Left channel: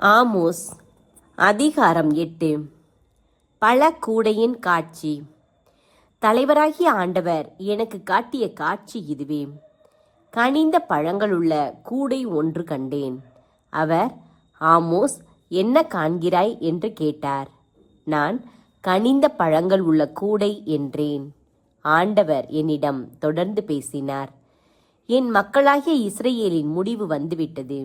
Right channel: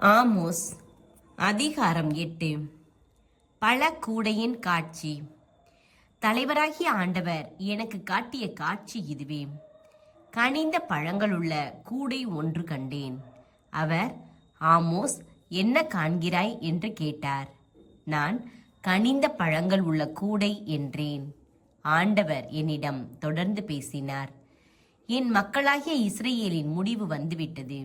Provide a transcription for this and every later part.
Amos அதிகாரம் 8. பல கூடையின் காட்சி. தலைவராகிய ஆண்டவர் எனக்கு காட்டிய காட்சி இதுவே. கனிந்த பழங்களுள்ள கூடை ஒன்று கண்டேன். அவர், ஆமோஸ், என்ன காண்கிறாய் என்று கேட்டார். நான், கனிந்த பழங்கள் உள்ள கூடை என்றேன். ஆண்டவர் என்னிடம் தொடர்ந்து பேசினார். என் மக்களாகிய இஸ்ரவேலின் முடிவு வந்துவிட்டது.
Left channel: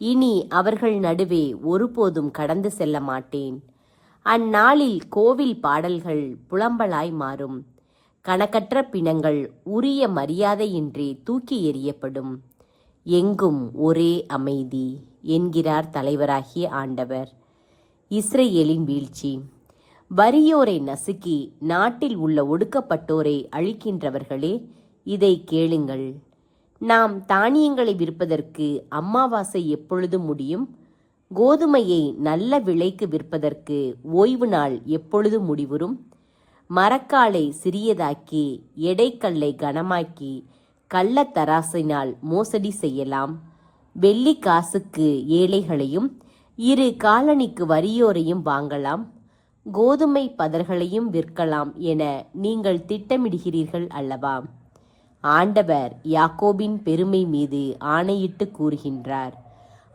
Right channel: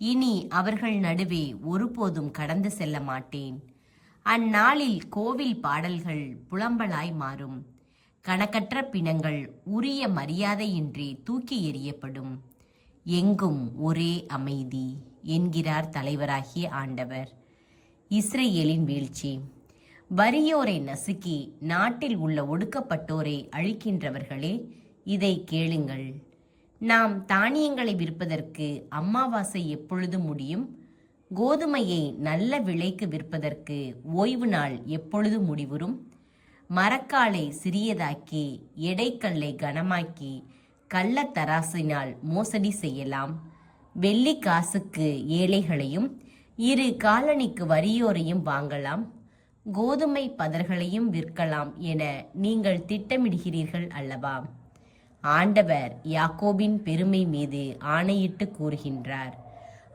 இனி அவர்கள் நடுவே ஒருபோதும் கடந்து செல்ல மாட்டேன். அந்நாளில் கோவில் பாடல்கள் புலம்பலாய் மாறும். கணக்கற்ற பிணங்கள் உரிய மரியாதையின்றி தூக்கி எறியப்படும். எங்கும் ஒரே அமைதி என்கிறார் தலைவராகிய ஆண்டவர். இஸ்ரவேலின் வீழ்ச்சி. வறியோரை நசுக்கி நாட்டில் உள்ள ஒடுக்கப்பட்டோரை அழிக்கின்றவர்களே, இதை கேளுங்கள். நாம் தானியங்களை விற்பதற்கு அமாவாசை எப்பொழுது முடியும்? கோதுமையை நல்ல விலைக்கு விற்பதற்கு ஓய்வு நாள் எப்பொழுது முடிவுறும்? மரக்காலை சிறியதாக்கி எடைக்கல்லை கனமாக்கி கள்ளத்தராசினால் மோசடி செய்யலாம். வெள்ளி காசுக்கு ஏழைகளையும் 2 காலணிக்கு வறியோரையும் வாங்கலாம். கோதுமை பதர்களையும் விற்கலாம் என நீங்கள் திட்டமிடுகிறீர்கள் அல்லவா? ஆண்டவர் யாக்கோபின் பெருமை மீது ஆணையிட்டு கூறுகின்றார்.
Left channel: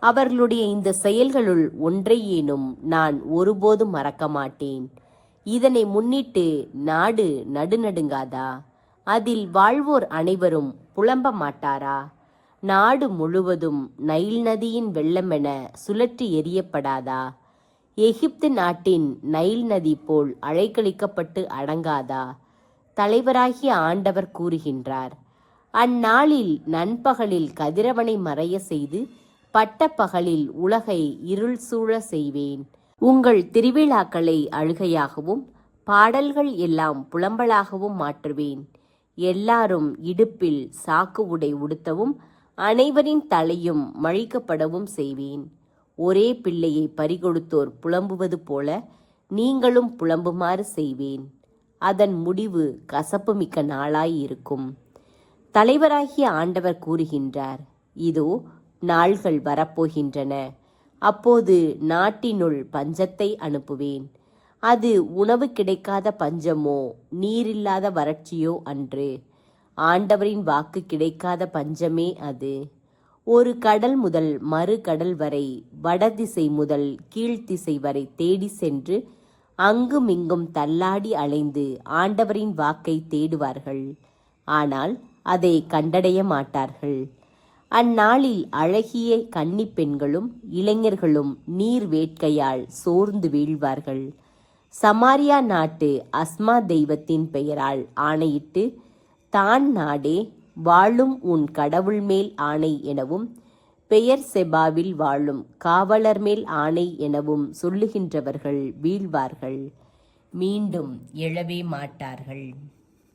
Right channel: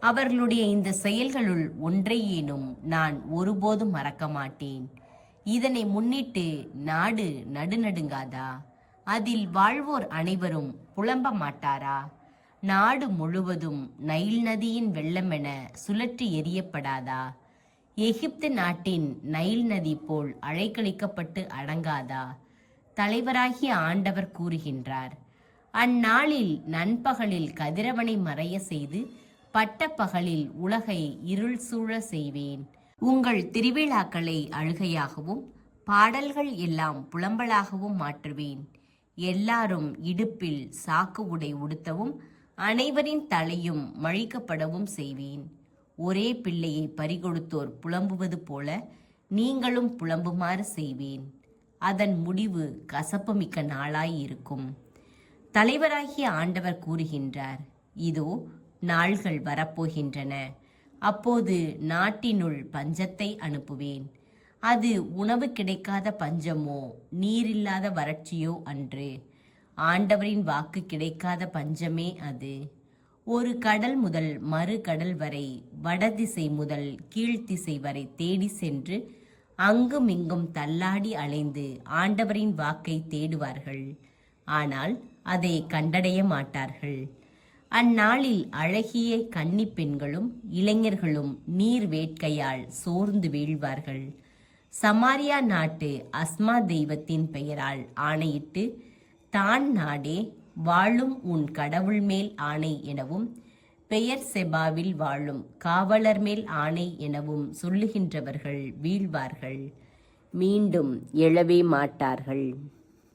அவர்களுடைய இந்த செயல்களுள் ஒன்றையேனும் நான் ஒருபோதும் மறக்க மாட்டேன். இதனை முன்னிட்டு நாடு நடுநடுங்காதா? அதில் வாழ்வோர் அனைவரும் புலம்ப மாட்டாரா? நாடு முழுவதும் நைல் நதியின் வெள்ளமென சுழற்றி எறியப்படாதா? எகிப்து நாட்டின் நைல் நதி போல் அலைக்கழிக்கப்பட்டு அடங்காதா? தலைவராகிய ஆண்டவர் கூறுகின்றார். அந்நாளில் நண்பகலில் கதிரவனை மறைய செய்து பட்டப்பகலில் உலகை இருள் சூழ செய்வேன். உங்கள் திருவிழாக்களை அழுகையாகவும் பாடல்கள் எல்லாம் புலம்பலாகவும் மாற்றுவேன். எல்லாரும் இடுப்பில் சாக்கு உடை உடுத்தவும் அனைவரின் தலையும் மழிக்கப்படவும் செய்வேன். ஒரே பிள்ளையை பறிகொடுத்தோர் புலம்புவது போல நீங்களும் புலம்புமாறு செய்வேன். அதன் முடிவு கசப்பு மிக்க நாளாயிருக்கும். தலைவராகிய ஆண்டவர் கூறுகின்றார். இதோ நாள்கள் வரப்போகின்றன. அப்போது நாட்டினுள் பஞ்சத்தை அனுப்புவேன். அது உணவு கிடைக்காத பஞ்சமோ நீரில்லாத வறட்சியோ அன்று. ஆண்டவரின் வாக்கு கிடைக்காத பஞ்சமே அது. ஒரு கடல் முதல் மறு கடல் வரை, வடதிசை முதல் கீழ்த்திசை வரை தேடி சென்று அங்குமிங்கும் தள்ளாடி அலைந்து ஆண்டவரின் வாக்கை தேடுவார்கள். ஆனால் அதை கண்டடைய மாட்டார்கள். அந்நாளில் அழகிய கன்னி பெண்களும் இளைஞர்களும் நீர் வேட்கையால் சோர்ந்து வீழ்வார்கள். சமாரியா நாட்டு அஸ்மா தெய்வத்தின் பெயரால் ஆணையிட்டு, தான் நாடே, வாழும் உன் கடவுள் மேல் ஆணை எனவும் பெயர் செபாவில் வாழும் காவலர் மேல் ஆணை எனவும் சொல்லுகின்றவர்கள் வீழ்வார்கள். மீண்டும் எழவே மாட்டார்கள்.